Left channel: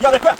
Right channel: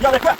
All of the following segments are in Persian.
Ya bırak.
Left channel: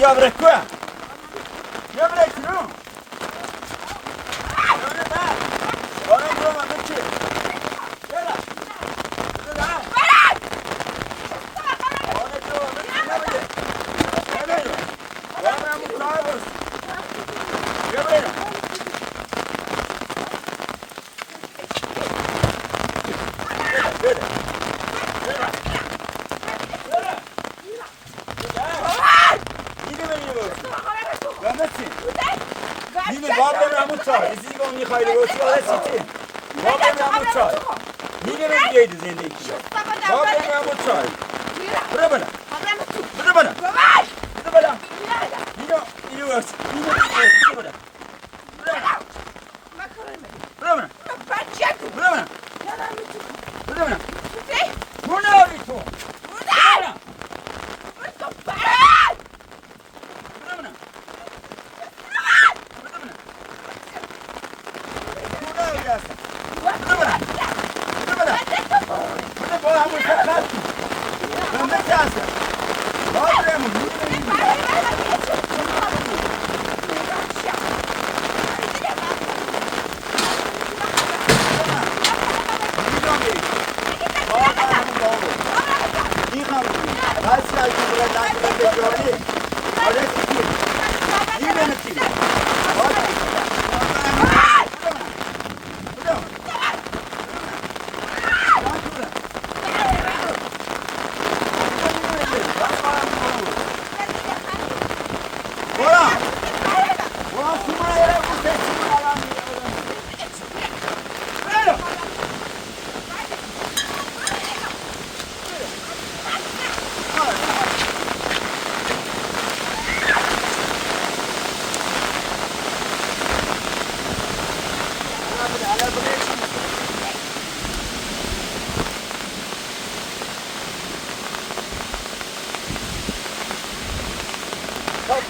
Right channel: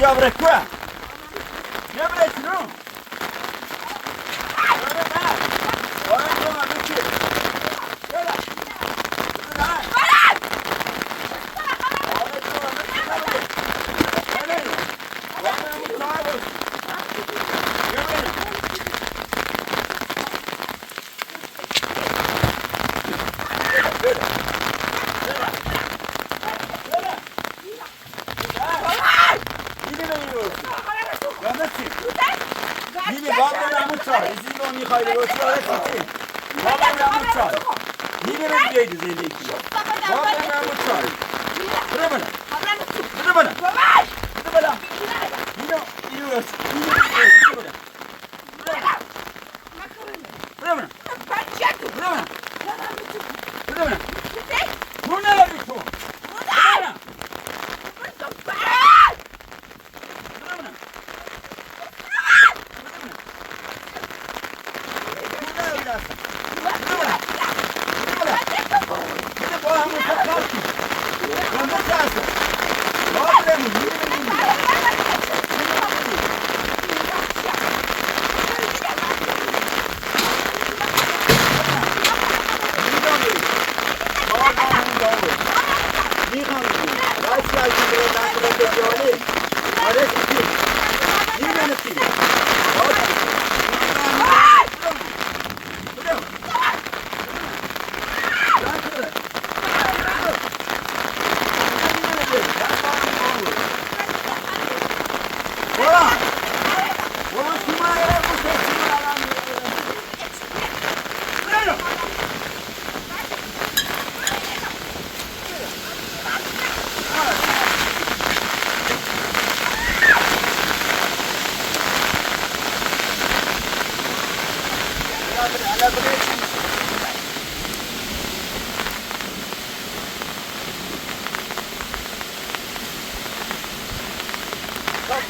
Ya bırak quoi? Ya bırak non?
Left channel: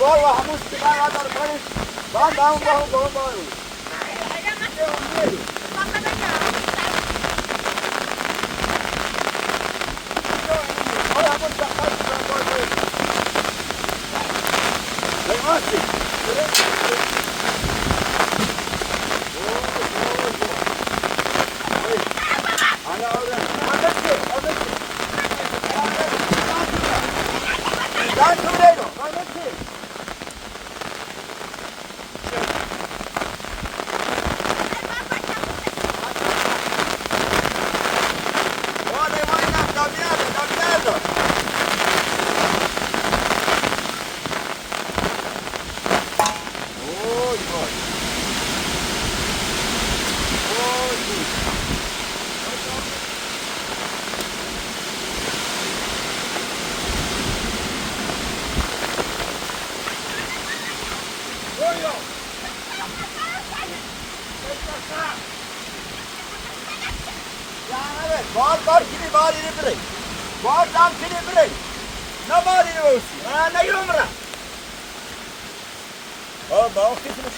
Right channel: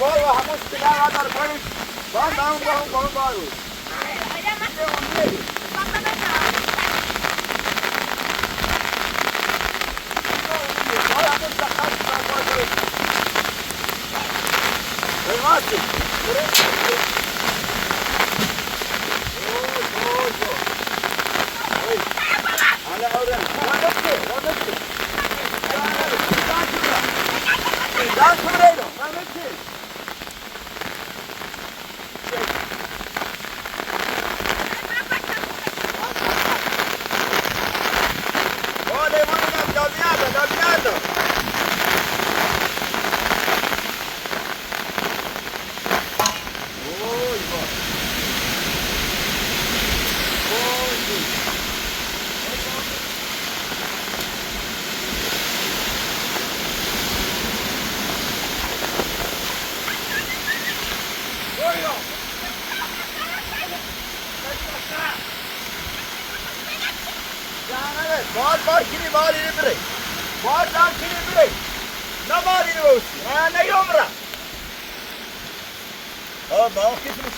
Agora o Ramos que vai lá dar banho. Vai dar um bom barulho. बार किती बार इकडे बार काम किती इकडे ना बार इकडे नाही उमरा ओ भाऊ किती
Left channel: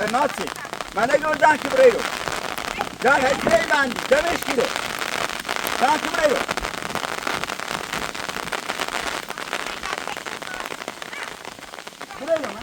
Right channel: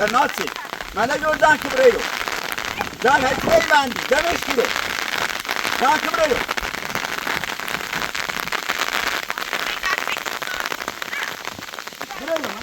Bernazzi. Mana yoldan kıbrıyor. Ya hep bendi. Demiş kilo. Sen kıbrıyor. Kıbrıyor lan.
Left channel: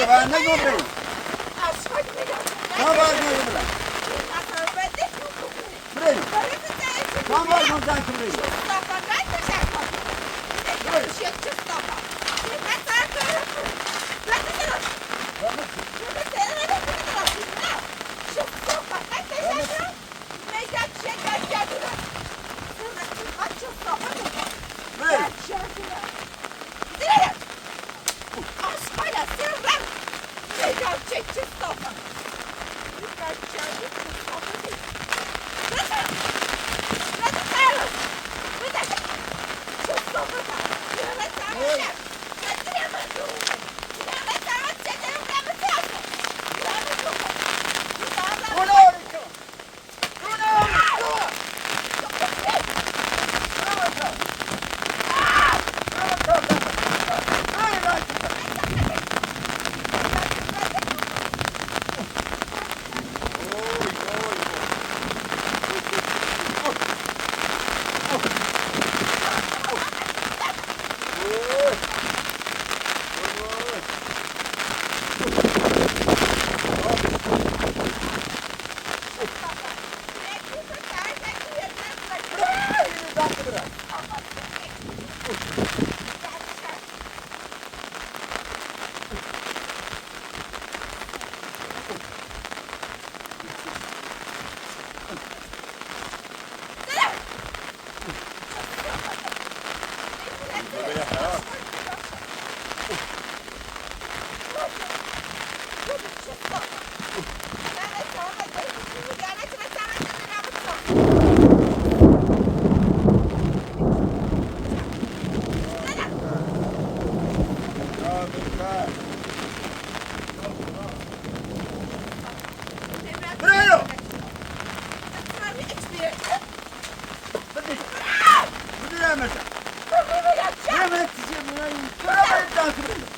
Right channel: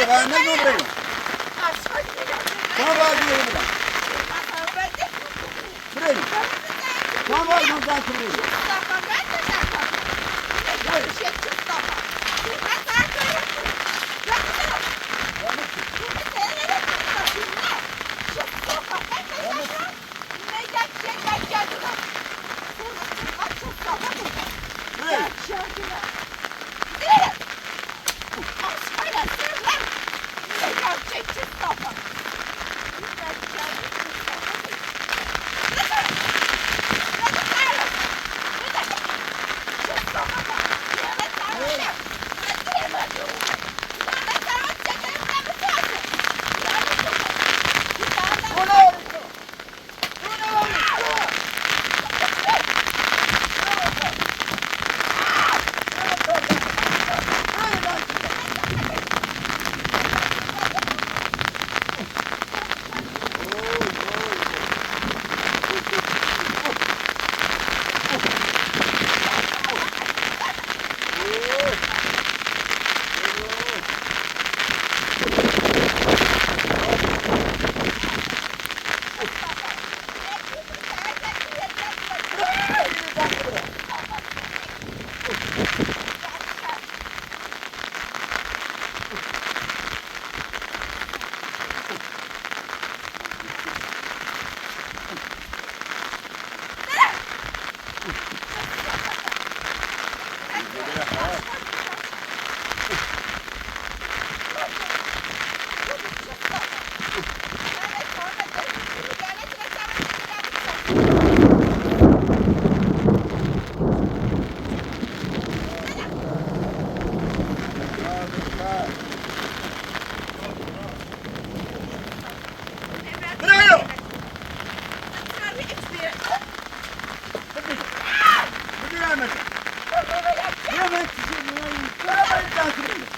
Buraya ben ne göreyim? Tamam ben göreyim lan. Buraya. Tamam ben göreyim. Buraya. Buraya mı? Hemen size burayı. Buraya takip.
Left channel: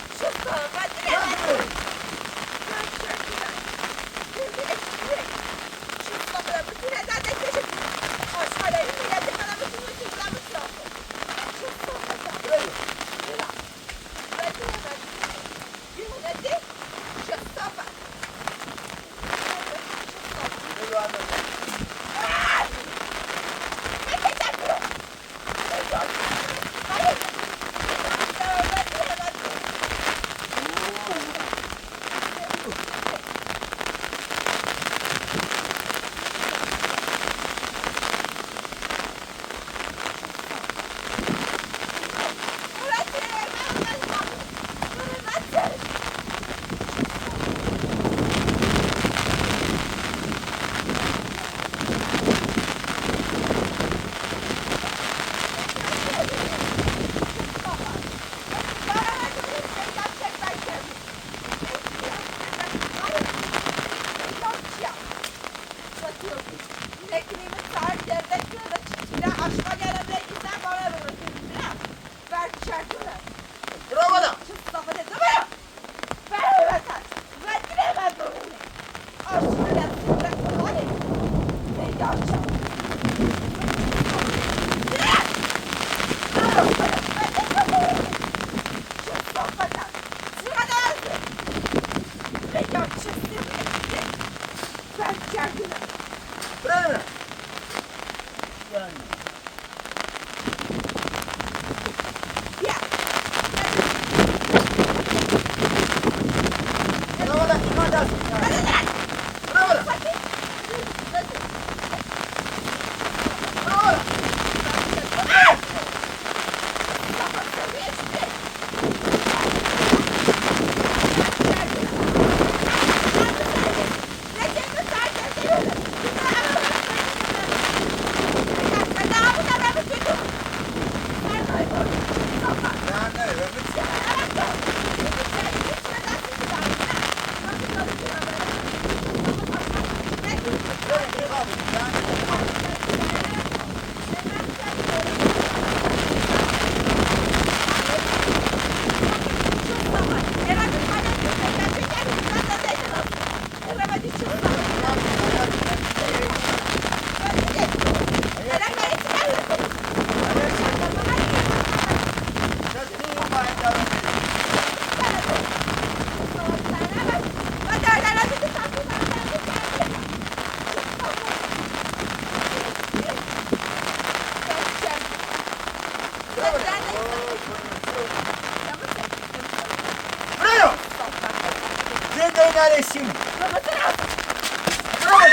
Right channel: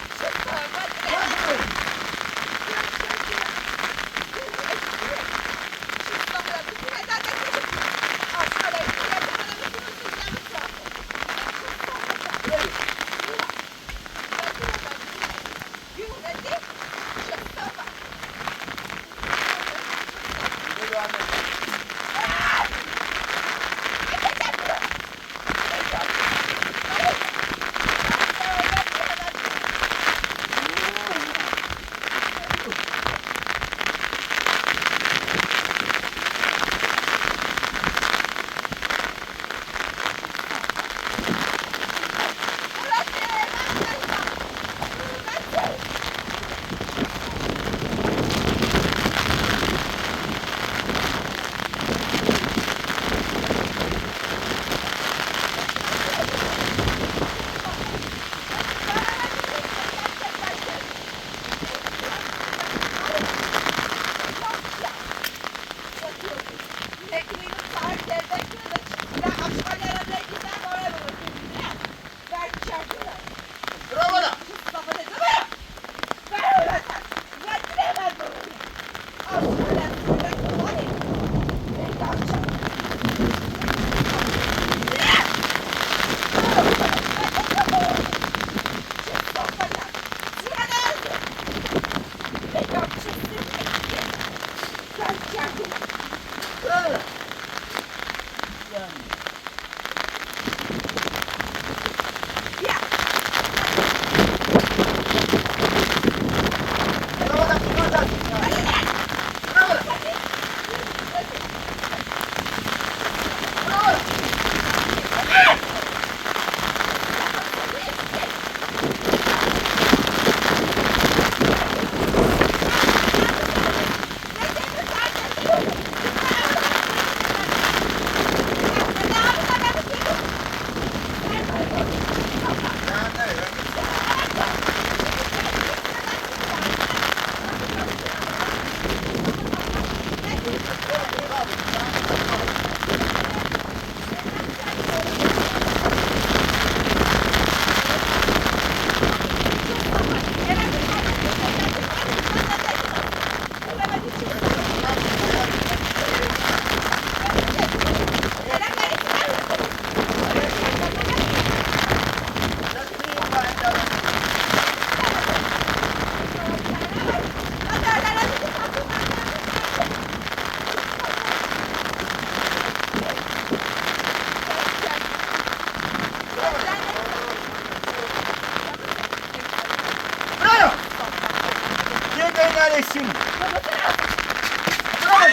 eşim. Bravo.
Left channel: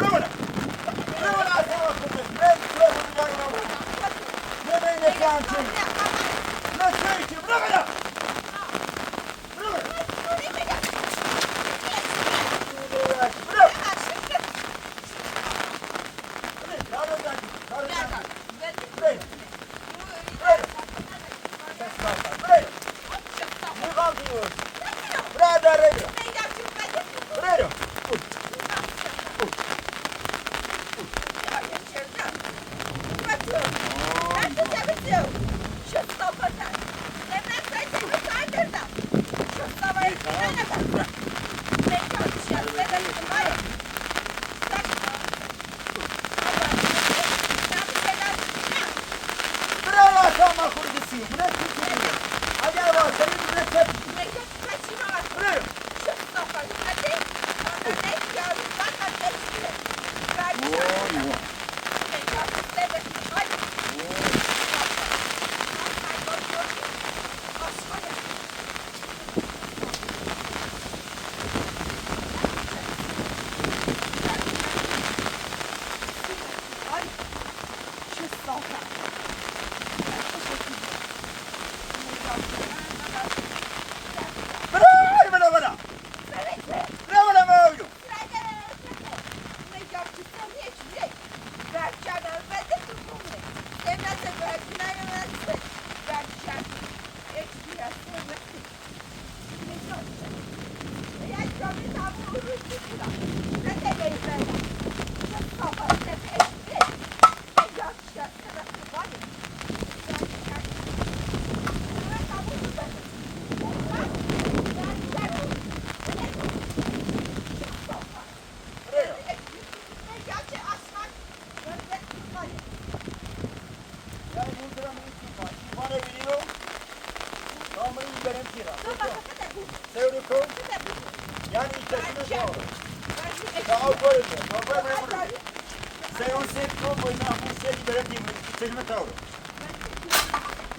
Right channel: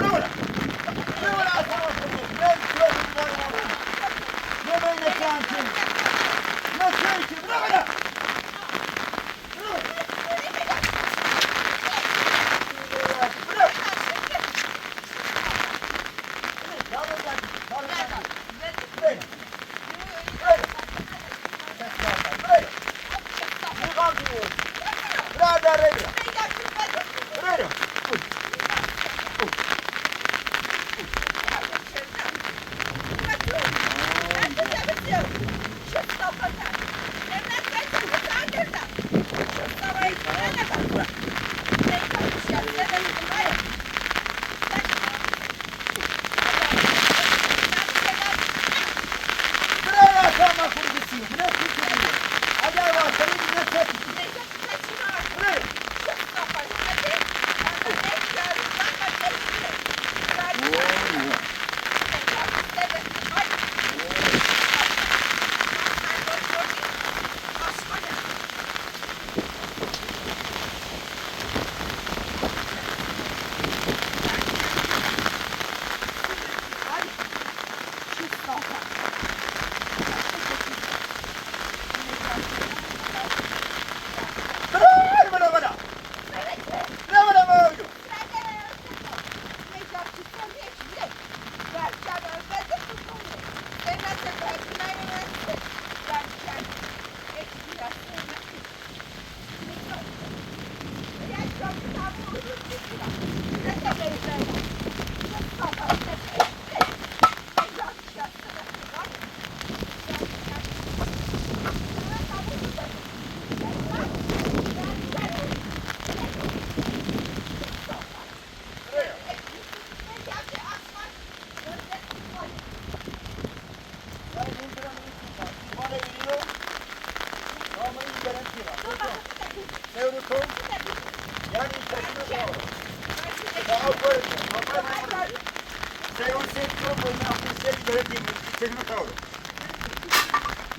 Bravo. Bravo. Ben bravo. Ne böyle kantin? Ne söyleyeyim? Bravo. Bravo.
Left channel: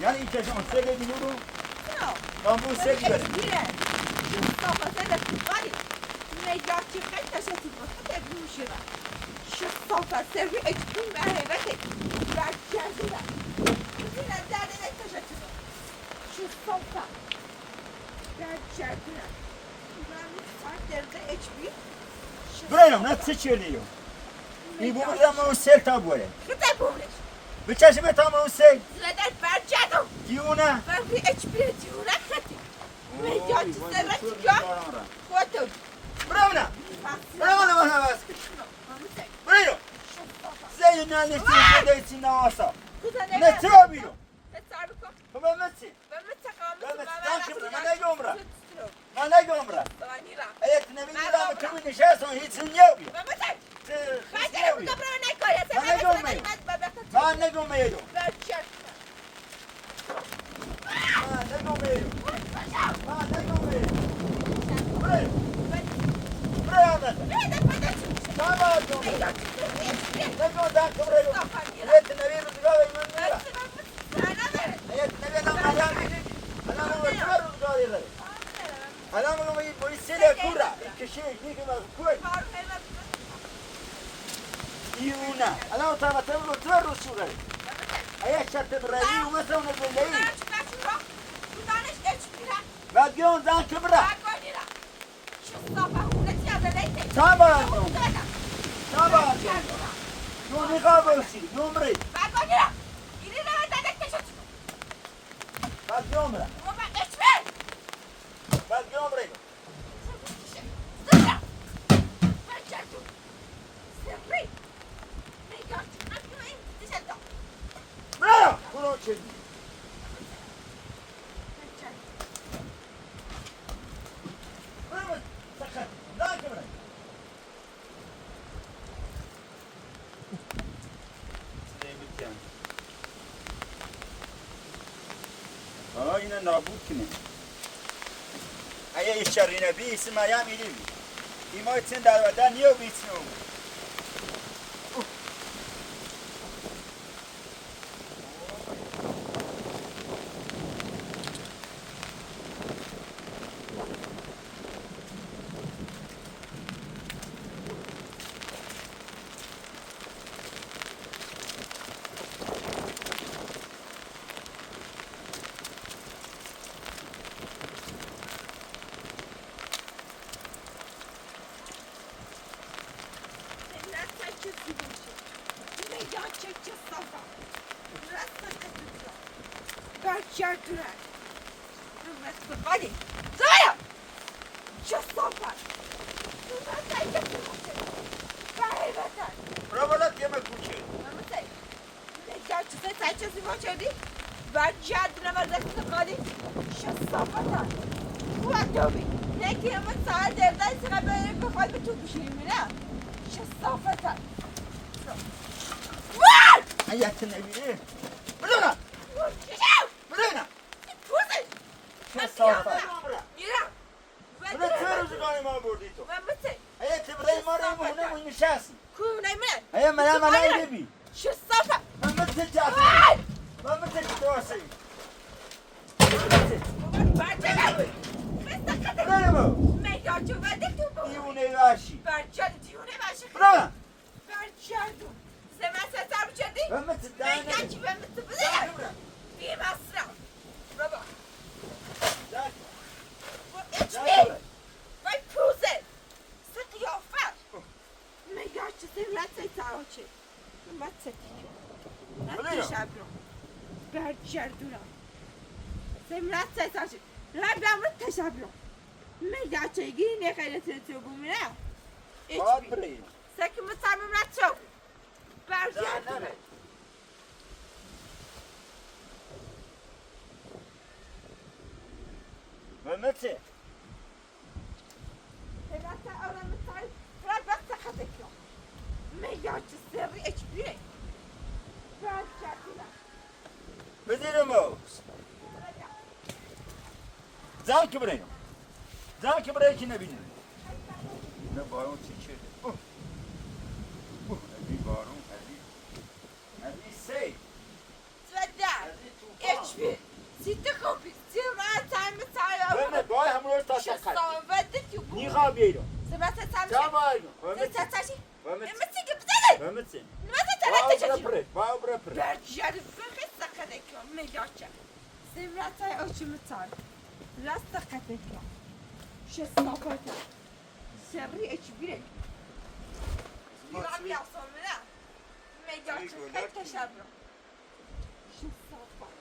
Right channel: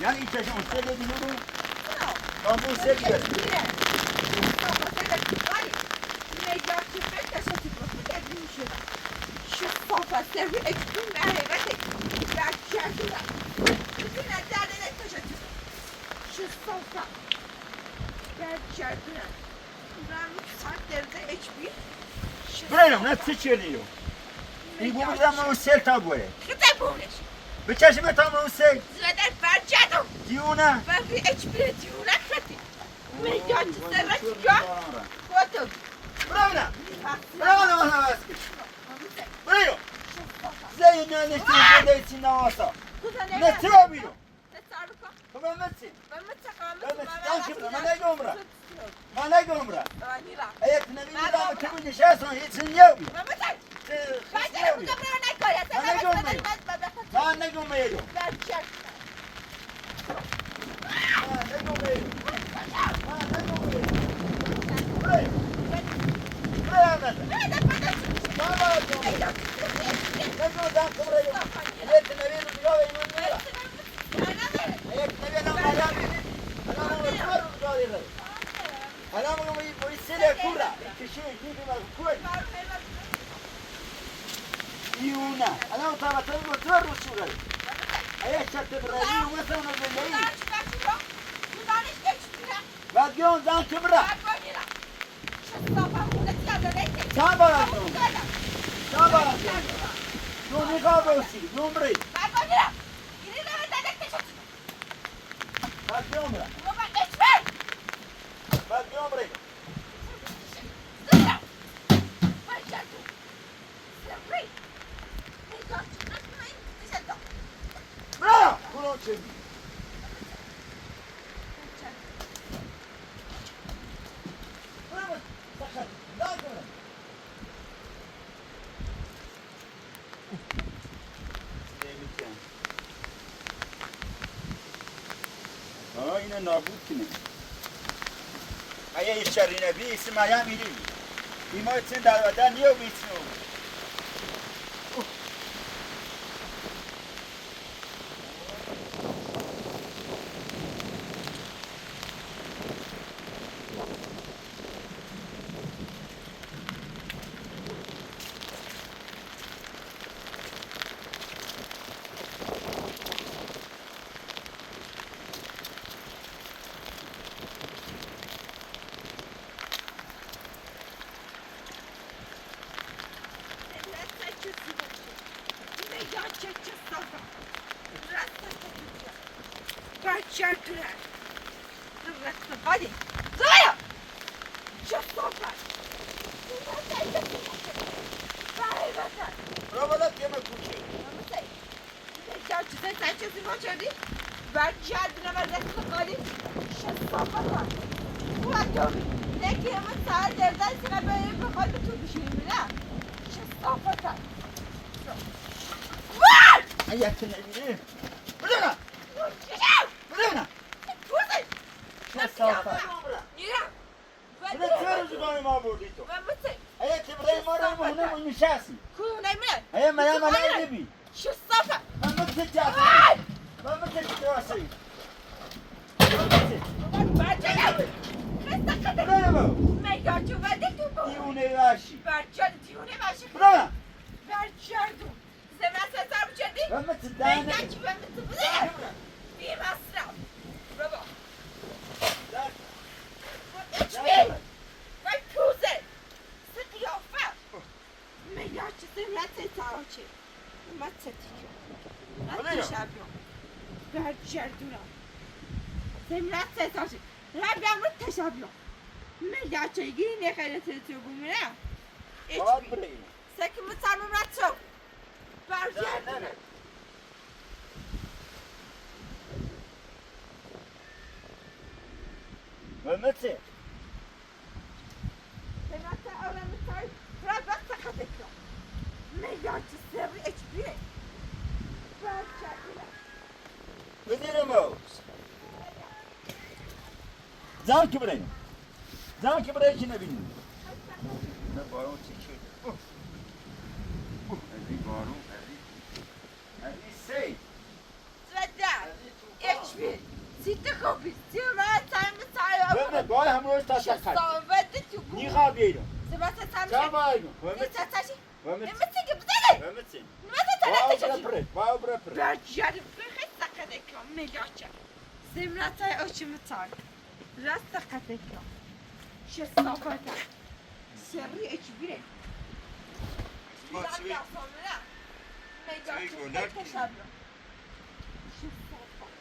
Yani ilk yaşam şöyle bir yolu. Ben bu şey giderim. Buraya ne sıçrıyor? İyi bu bir ama o sel tabuğu. Bıçaşımı tam o sel. Zeden barcadım. Diyorna. Ben bir ekspire diyorna kati. Meyyancı sana çıkıyor. Koydum. Bravo na. Bravo na bana baskı. Buraya. Zeyn ne istiyorsun da için nasa. Ne yapıyor? Tamam nasıl? Ben şimdi ben ne gömra? Ben ne gömra? Evet ne bileyim ben kimin nişasını hiç yok. Ben ne gömeyim? Vadion dan kıbra. Tamam. Tamam. Dur ne kablosu? Numre. Bak numre. Bak numre. Bravo. Bunu çek. Aynen nabut kimi? Aya içerine bir isim ayağım iyi. İma için davada niye bir isim oldu? برگردونم رفت قالی زایا چه صحبت برو بالا دیگه من کوچه چیزی ما شدی برگردونم از رفت قالی چه صحبت او اتوبی نکی همه ساعت دردن سیغه باید بخواد به تو بشیم نه چه صحبت حیات نبیره بدونم بدونم چه صافت بدون چه روزگانی ما بردی تو حیات برای ما رو مهونه من نشستی حیات من ایده بی من مثل جافی من مثل جواسی بدونم دیونه باشی بدونم من مثل دانه برگردونم سمرت ستاشی ربم رو تشابیون میگه چگی نخیلی تو بومینه باب بریم سکم سرمم رد شو برگردونم من مثل سمرت آرام تای ربم سخت کنم میگه چه سری اچ بیه برگردونم بدونم زن که بریم زن که برای که نبینیم من بارون چی شده هذه بارون هذه سی زدم اچ بیه سیت خوبی سمرت سرم من باید هم روز تا شستان سکر وده تو بوم نیخواه بیرون سمرت سرم چه باید من ستاشی من نمیسی که بزنه من نمیسی تلاتش باید برای پره برگرد فقط سقط اکرام میگاچه سمرت های اوچی مطار راست سقط اکرام شستافت سری اچ بیره بیرام یاسان نه میگاچه خیلی تشبه شستافت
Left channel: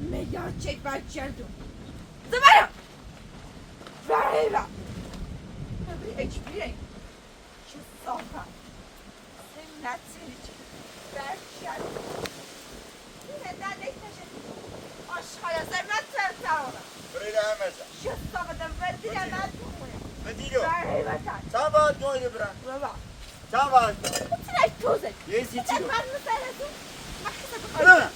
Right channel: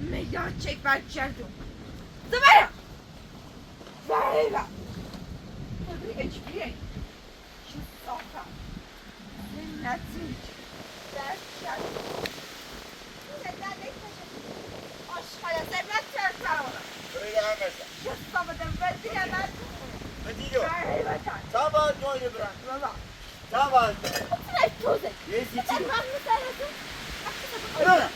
میگاچه برگردون زبایا برایبا اچ بیره شستافت سمرت برگردون Aşkaya zemlet sertavı. برای همه Şıstamadım ve bilemez. بدیدو Verheyvatan. sabah doydu bırak Baba. sabah Sıra tozek. Yes, Sen içiyor. var mı sarasın? Öyle mi?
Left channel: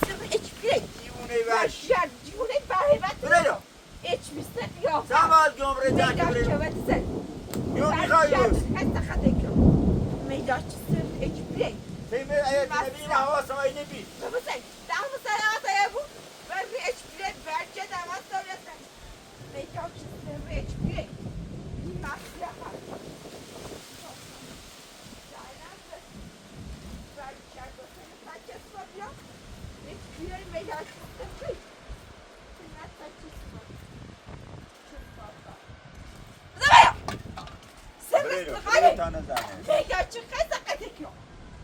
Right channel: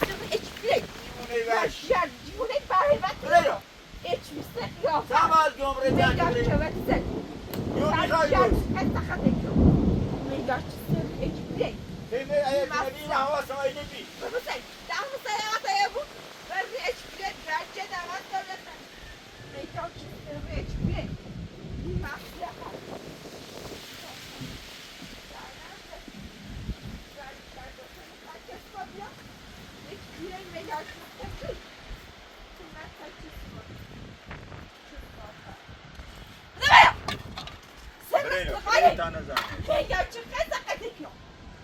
Sıra içkirek. Diune ver. Başlar diune verheyvat. Buraya. İçmişsin yok. Sabah gömre Megaç takip çövetsen. Yok bir kayıyoruz. Hatta kadekyo. Megaç sıra içkirek. Seyme ayetine bir hava sahayını bir. Baba sen. Daha mı sarata ya bu? Ben bir içkirek verce damat devletten. Megaç sıra içkirek. Maslahat.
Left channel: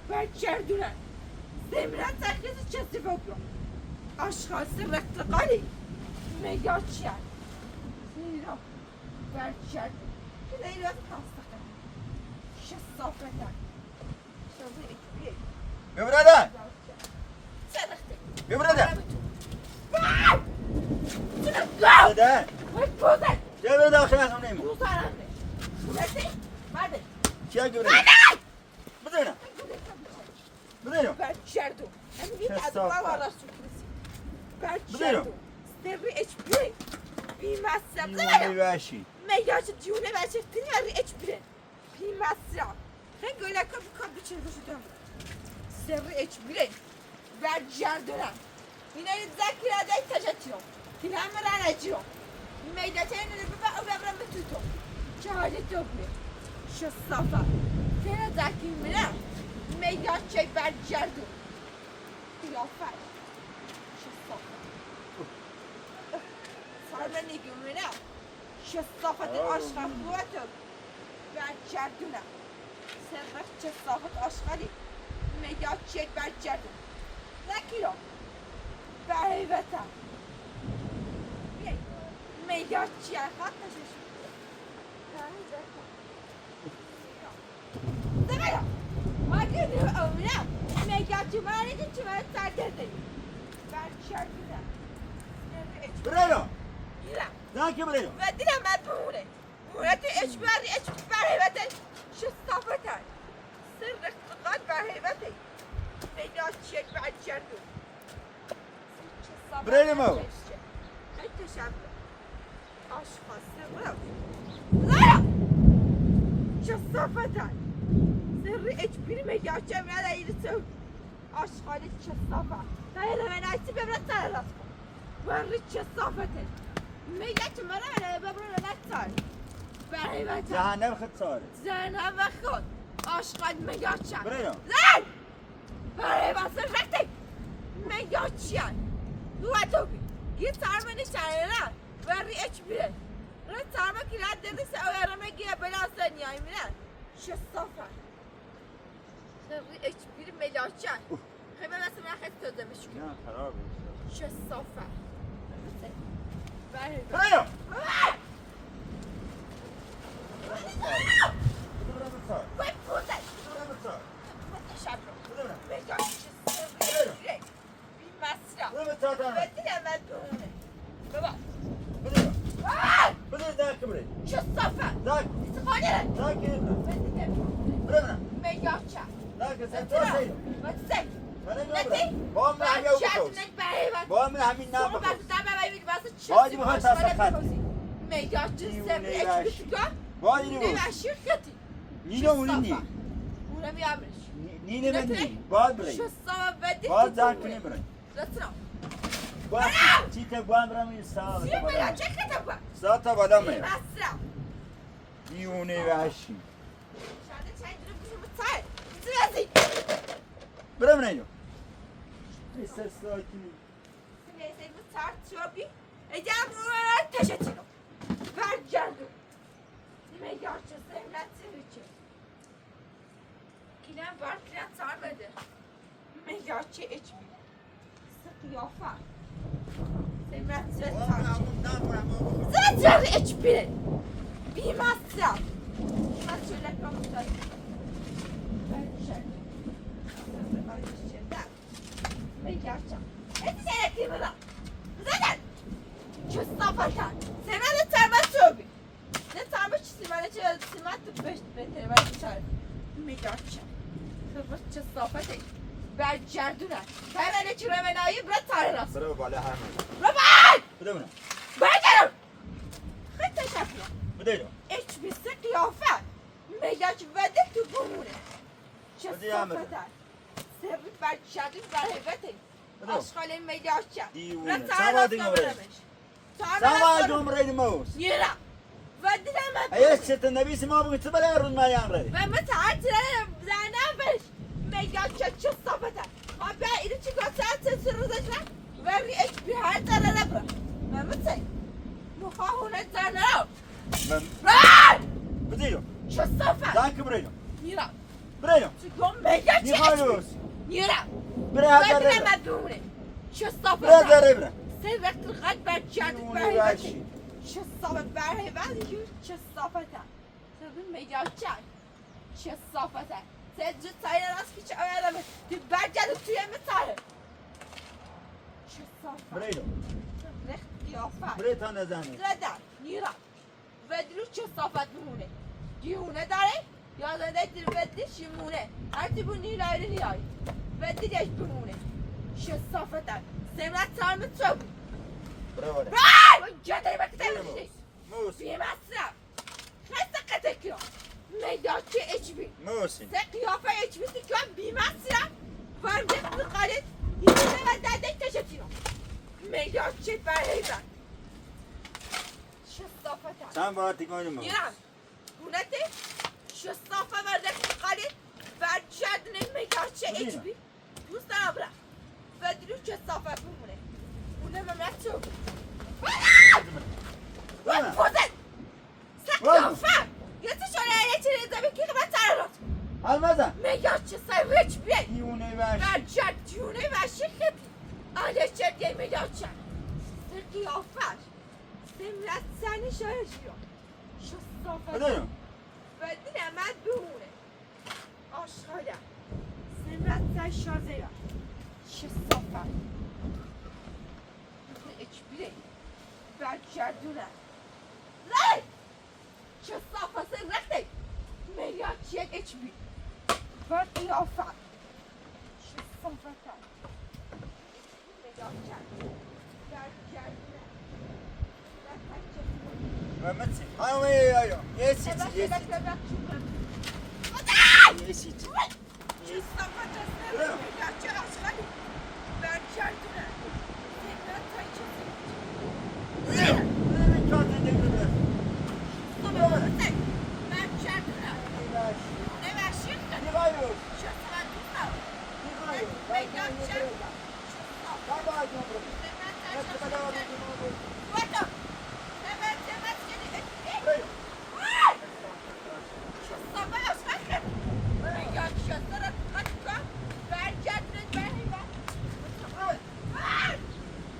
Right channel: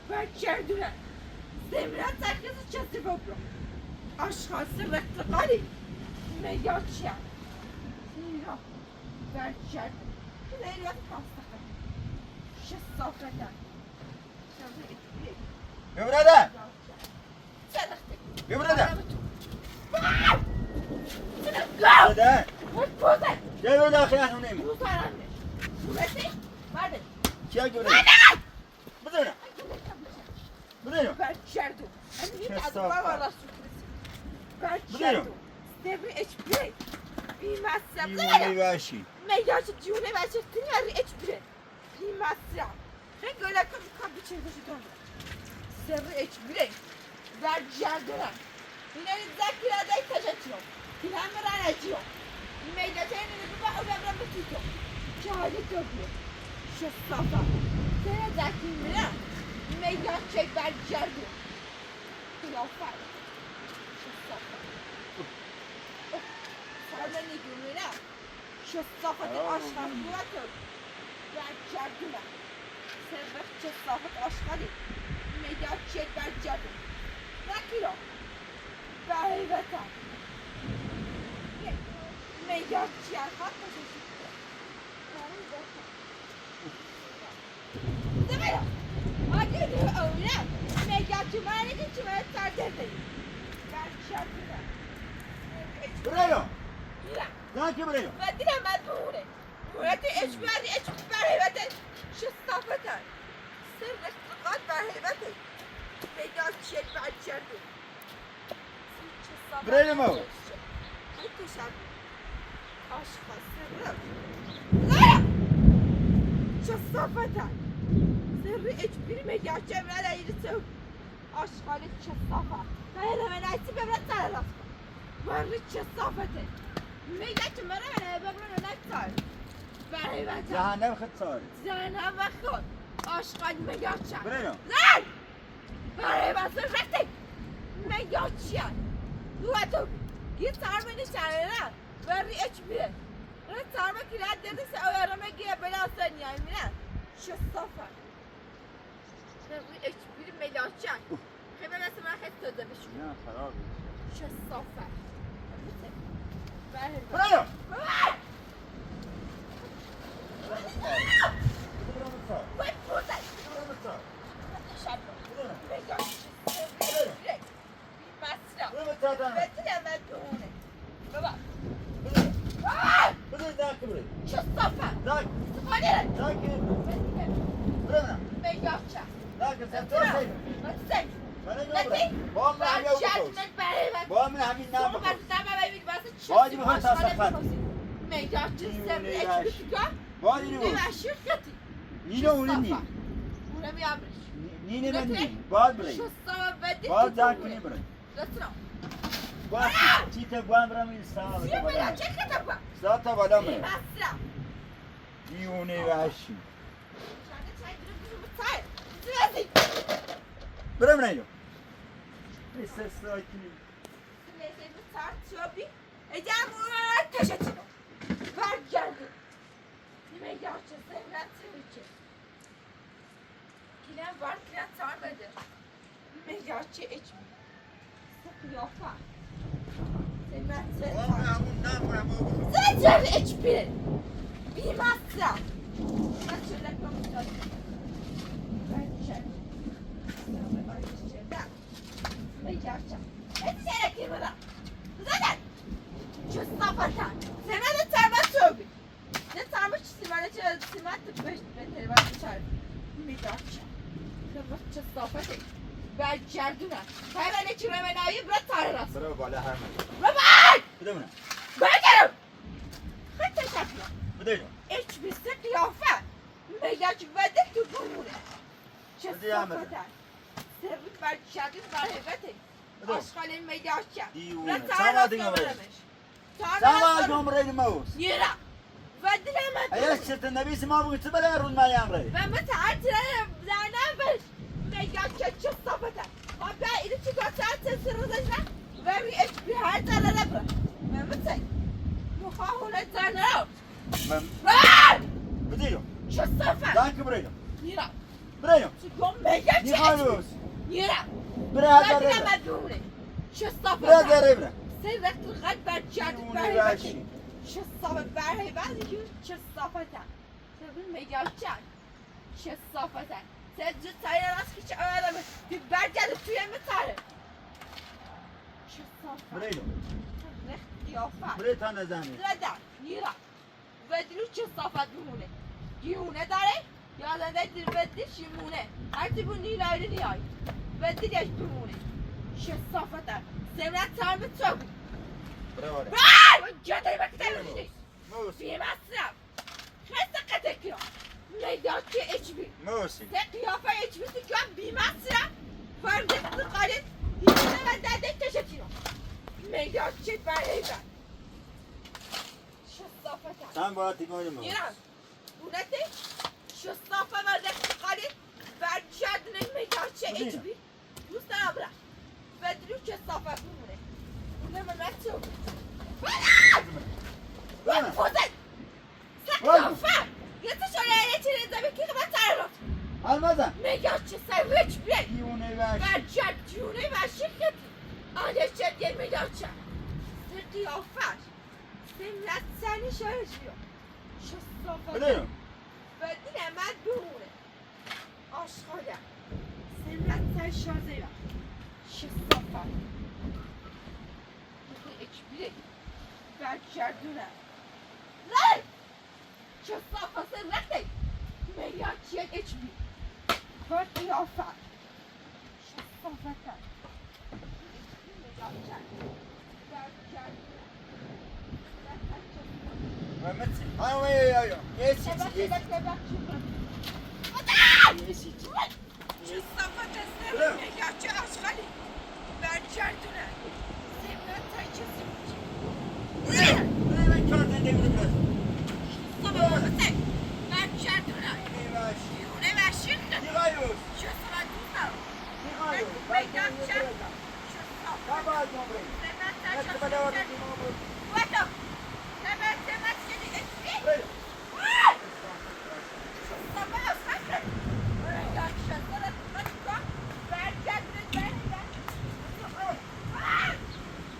برگردونن زمرت سرکز چستی بابرو اشخاص رقتقالی میگاچیم سیرا برگردون لیلات پاستقه شصافتم شبه اکبیه Öbrede. چلخته Öbrede. گاو Öbrede. بوزن Devre dakilen onu روزانش بوزن مرده Çiğ göre. Bedene. Bedene. برگردون همین یه از کثافت. بابا را سکرسی برگردون سری اچ بی بی مصرف Diune verşi. میگه جونه بچه تیاری اچ بی بی مصرف خیلی گله کن بیچه باشی دارم سری اچ بی برگردونم اینا ذکی را دای تجتیو این همه را نجیو میدته اینو ببا او ببرم بتیتو چه حالی تو بیه شصافا که ذکی میره میدان چه برگرده قیافه شصافا سرمه نگیونه شصافت آشغال بوده برگردونه سرمخ شصافت آشغالی میدان چه برگرده ذکی را بهیبتا میدان چیه خواهد کششی بهیبتا دمارا آگه دو اولا میدان چی مانده چی مانده سر درده برگردونه برایو لا زنکی برایو و دیدم من بمونه مونتی اچ بهیبتا شصافتا سرمخ چقدر بهیبتا میدان چیه برگرده برایو مو شصافتن سری اجبیری میگه میاد ایلی تو آشغالی شصافت بایده من ایسی ببرد سرلا بری شصافته میگه که منه ببرد نکتار برای وقت جهنم خود سال زنم و خود آشغال میگه چند برایو زن برای وقت رکتی میگه چند دو تو یه ترمنی چرا بری اجبیره نه ترمه که رد دلیس اولا میگه بلا سنیای میره شصافت بری اجبیری میگه چند خیلی نسیم را خیلی تازه بشون نه خراب شصافت برایو باید بودن شب رو میگه شصافت بی مصرف بدیه من دونه بابا برایو زنکی برایو شصافت زنک خانه زنکی بدیه برایو میگه چند زنکی سنتور سیدو بسه منم نتی نبرم با من همین او بخوز من برای من با من همین نم شما بخوز بس دم باید بس چی باید میخواد تصفت میگه چه سر نیونه اچ راش. بیتگا باید اینو نه بخوز واشی ختی نینو اونی نی اونم یامش نینه من نی باید برای شصافت بدی باید زنکی نبرای دستنا باید چیته باید برم این سال سی میگه چه خطا با ساعت بالا بی میرم مصرف نیونه راشی شده چند رو بیشو بتای زیادی برم اینو استرسایتی سلیسه بتار چوبی ایجا مورد تشتینو برگردو میگه چه سهلت سویچه کلم وار کلم تار بده میگه چه اچ بی سقیافه سهلت سهلت زیاد اچ بی بی مصرف مصرف لکم داد برگردو میگه چه اتیاره که بدا بزنن شصافتن سمت ترمت روبی نه ترمت چی سیمانه چه سیمت بهت بهتره ولی چه میگاچه تو شصافته برگردونن ترمت چی رمنایی برد تاره راست برو بالا هر من رمان بدونم برگرم خیلی تشکیه بده اینو ایچ بیسته قیافه میگاچ وده تو بمونه بده همه. شصافتن سرویت برگردون برهبته بده. آشغال میگاچه دیوونه. نه تاره راست سوادی نبرم. برمش ساما جمره موس یرا ودلم ایش چت نبی سما بگو تو بلا رون ما یان ری و متعرض زنم بش میگم چه صابته ما بیا اینو چی گفت سر روزش و ری اچ بی هر تله نبر و مت مخاهون زنم من رای بده اینو چه صافه زنک برو اینو یرا برو اینو چی گم میگم چه نیخوایوس یرا برو هزار ودلم ربره دونه چه برو هزار صافه ربره سه وقت الخد برجعت دیوونه برهبتی راشی. چه صافت برهبتی چه صافتن سبین میگه چند چه صافتن سه جو تایر راست که چه آدمه دی برجعت توی متاره چه صافت برو اینو رخت قیافت برو تا نزنی زدن نیرا ودلو چه صافت بمونه دیونه داره یا زده دل ودلش یمونه هر تیبو نیلایی نیای ودلش بمونه چه صافتن سمت تامت تو برو بالا Vai! Já dei uma tela, موس في مصرف خسته قتل میدان که HB موسی سه قیافه HB تو جان بی مصرف فرد قالت یه من داده تشتینو میگاچه برای من شصافت Sen vaatigoyun mu? Yunan, bu ne de? Şu safa verdik hadi. Ver cerdinin meydaçı içbi. Yüzden abla. Vedrü şu safa bu ne? Bu ne Mehmet çok? Lan pozet! Sen kafa! Yatış oraya eleçinize bir kere ben tararım. Almazan. Meydaçı sayı içbi. Diyune ver. Ver cerdini ver şirket. Aleçe diye meydaçı. Sen kıyafet. Millet seni şaşırıyor. Şu safa. Öyle mi? Vedin hemen durun. Aşkına. Sen şaşırıyor. Şu safa. Bu hiçbiri. Ben cerdine. Lan! Şu safa sen reddet. Meyakçıya hiçbir. Ver kıyafet. Şu safa. Ben cerdine. Mehmet'sin. Ay ay ay. Yes içi yes içi. Yes içi. Yes. Öyle mi? Öyle mi? Ben kendine devre biraz. Yıkayıyoruz. Yıkayıyoruz. Ben kendine devre biraz. Kabağı gömrek. Nasıl bana var dediğim o bu. Öyle.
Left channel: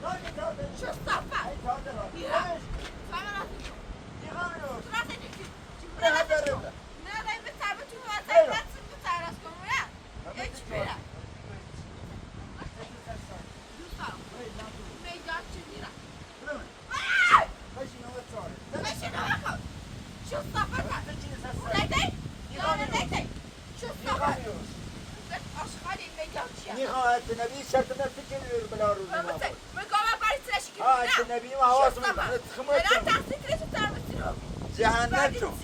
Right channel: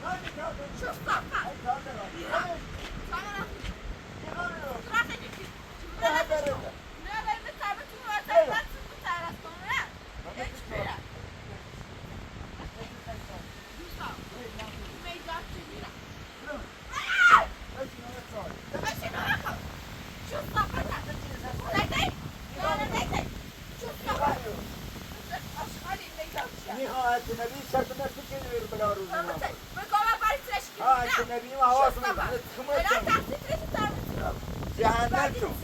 Hadi kaldır. Hadi kaldır. Yıkayıyoruz. Nihayetinde bir şartına tükeniyor bile aruzuna. Ha işte nebiyim havası mı? Cehennem çok.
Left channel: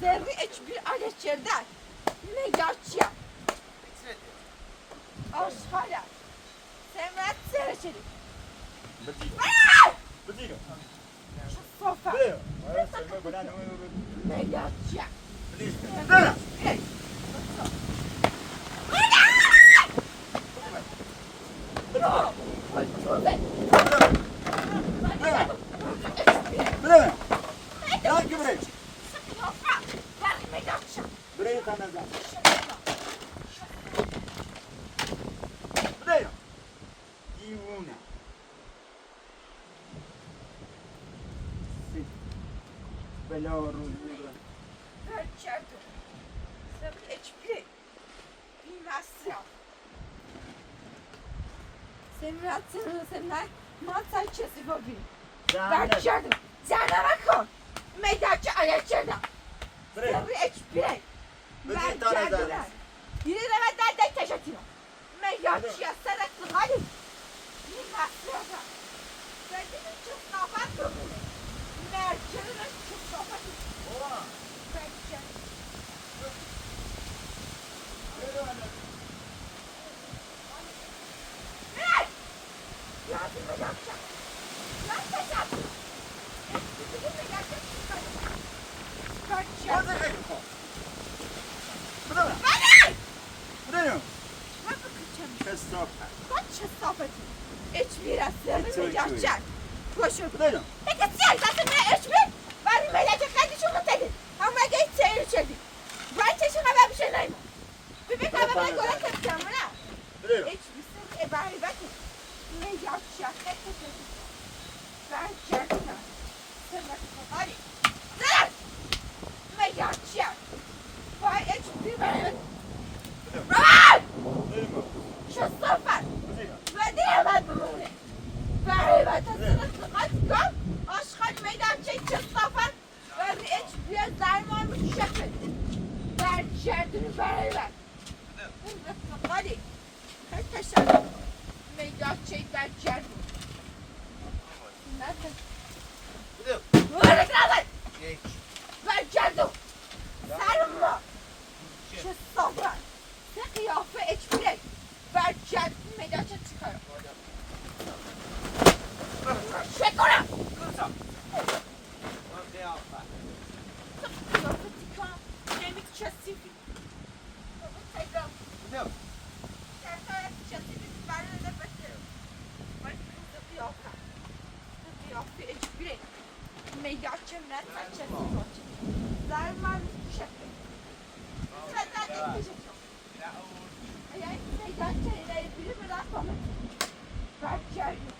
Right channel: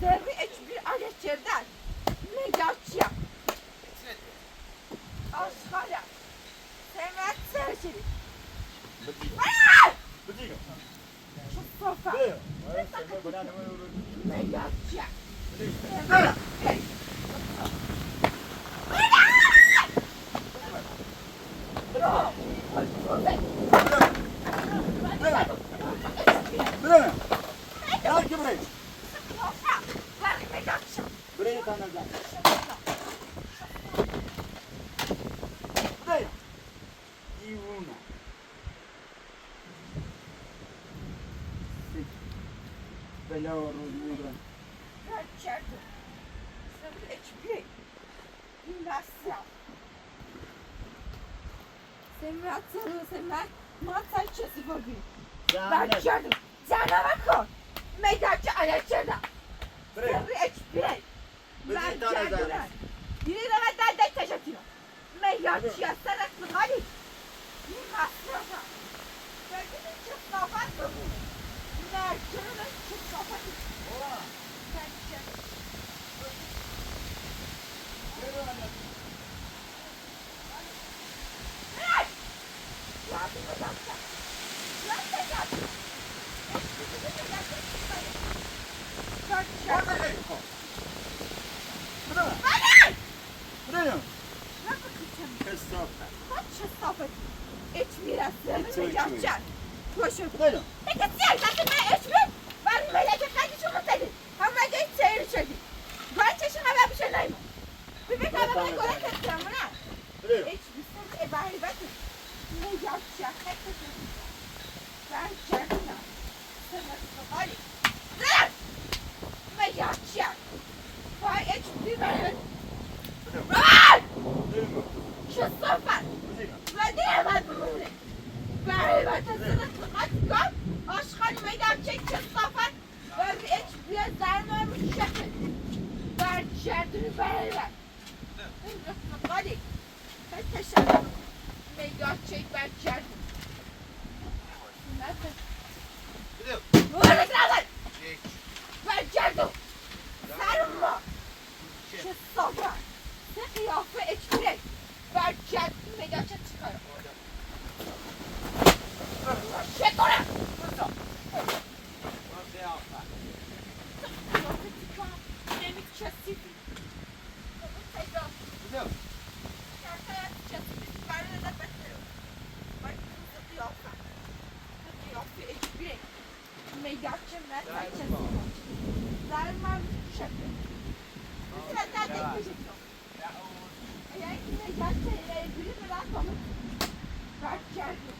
Zerri hiçbir aleçerden ne yaşayan aşkaya semet serçelik Bıdıyor. şu sofa Bıdıyor. Evet, sen bana ne olur? ne yaşayan Bıdıyor. Bıdıyor. Gel ki buraya. Burayı tanıdın. Bıdıyor. Yivuna. Bela rozmura. Gerçekten. Sen hiçbir bilmezsin. Sen masal çesi bugün. Gerçekten. Sana bakın. Meydacı aleçerden. Buraya. Sen hiçbir. Bizi tanıdın. Yine de benden de teşekkür. Meydacıya sarıklı hadi. Bilmezsin. Benim için sohbet bugün. Mercanın için sohbet. Ola. Mercan. Yürü anne. Orada kayıp. Bıdıyor. Bıdıyor. Kesofe. Hiçbir aslanı yapacak. Koşun. Bıdıyor. Peki sen zaten ben hiçbir. Ben meleketler düşünüp dedim. Ama geç seyir içeri. Ben çeşine ben bir şey neyim. Bir bana ben kola katacağım buna. Bıdıyor. Hiçbir sürü ebari bakın. Ne yapacak? Ben kendime. Hadi. Dur. Ne yapacak? Ben hiçbir ben. Rahat! Şu sefer. Ben diyemem bunu. Ben sana aşkın meydan çekeceğiz sefer. Ben hiçbir zarmamı şakır. Ben şerdini ver. Hadi. Kaç taşlar? Meydan çek ben şerdini. نکن بده ولد نزن یک برگردو سرم ما چه صافه چه قیافه اجبره برگرد نگاه چه چیکار کرده چه کنم بسا من قیافه قیافه چیکار نمی کسیفی بده میداد چه مرد چه سیفاچه زر من شکل مثل زده کشید اگر این میداد چه ایرایی بیری برد بامه برد کردو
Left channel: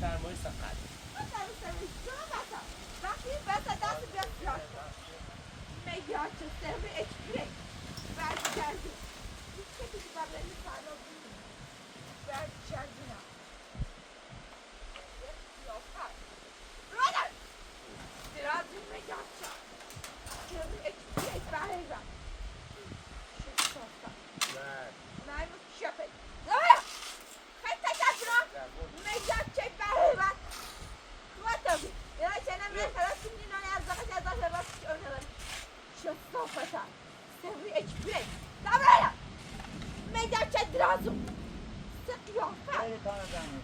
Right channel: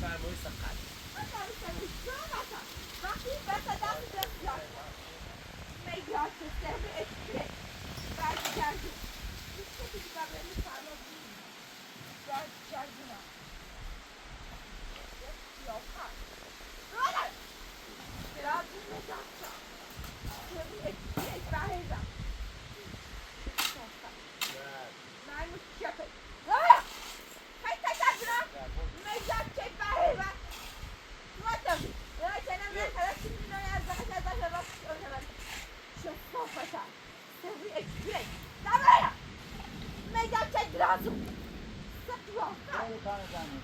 سرمایه سقط وقتی بسا دست بسیار میداد چه سرم اکسپره برد کردو هیچ کسی ببینی فرلا بینی برد کردو نه خیلی پناه زنی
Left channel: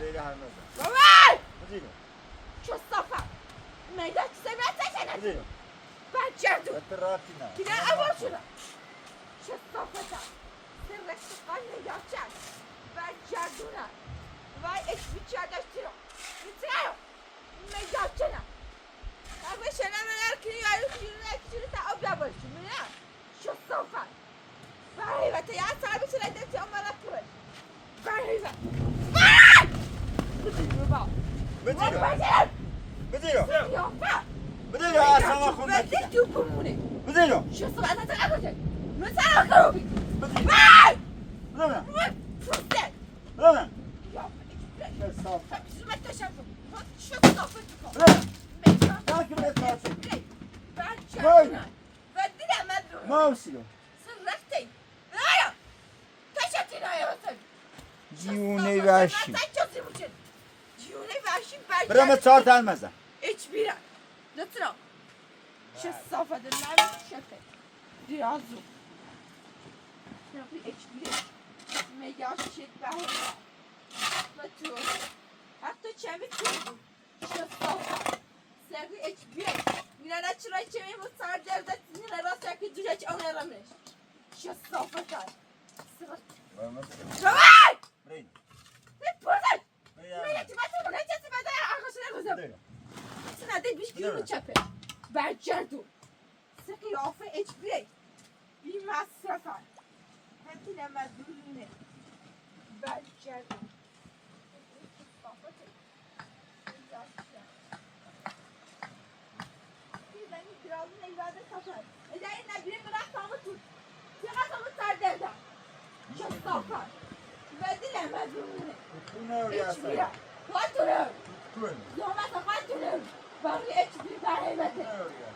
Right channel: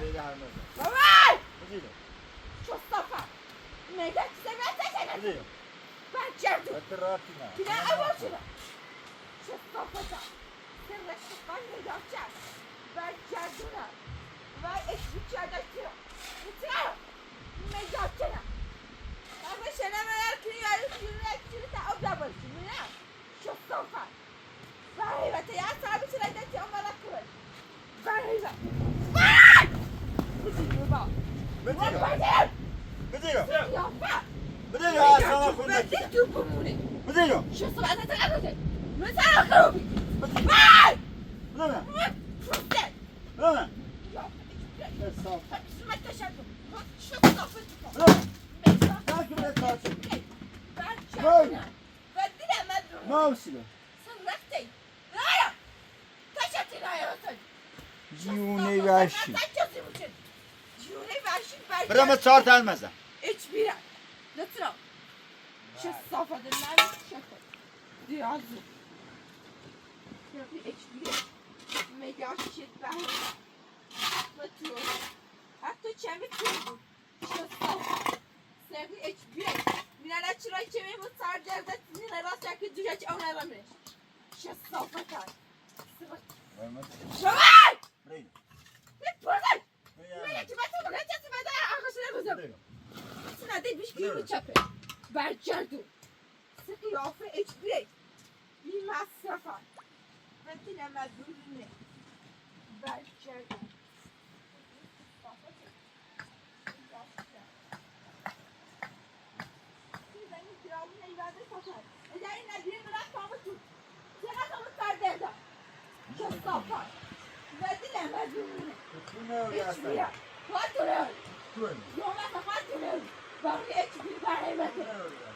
بده هر مزه بده بده بده راتی نه Pine avocuna. Şestafata. Sırrıklı kan yapacak. Ben carduna. Vay ekmek çardakçı. Bitiyor. Mecapçına. Ama şena meğer kürüne ta abla başım ya. Şestafa. Vay vate ya sahibi sırayda çamara kır. Vay vay. Bıdı baba. بده بده Yapma. بده اصلا خود Ben de tüpümünü. بده شو أنا تعبت من سنة خروبي بده باي بده شو ده بده يا شو ما تشافوا شو صفتكم بده تاكل الكاسة بدنا مدرو ما وصلوا سرقتي لا كشتي لا يا سيد جوني وحشي جوني وحشي باي برام چهار تا المزه ايش بيرا لطرا شو الصفة ده ما شكل دیازو نبی اکبری میگاشید بهره و تو حتی چمی تو شستافا سری اکبری مینا چرا چمی بود سر درد مینا راست یکی دوجا چه اون رمش شستافا کرد شوای بپرسن مینا چی بسه بگه چه سبده آخرش نمیزم سنده بیش گیرو چپه برگردو قیافه اجبری بی مصرفن هنتی نمدونه برگردو زنی درازو نیواده سفر اداره نگیری برخت آمتون چقدر آمد سردردم شستافن بدی نمدونه اجبری خواهدونه یومت خواهدونه باقی اجبری برای بده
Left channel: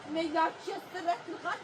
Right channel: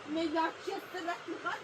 میگم چیست رفت خواهد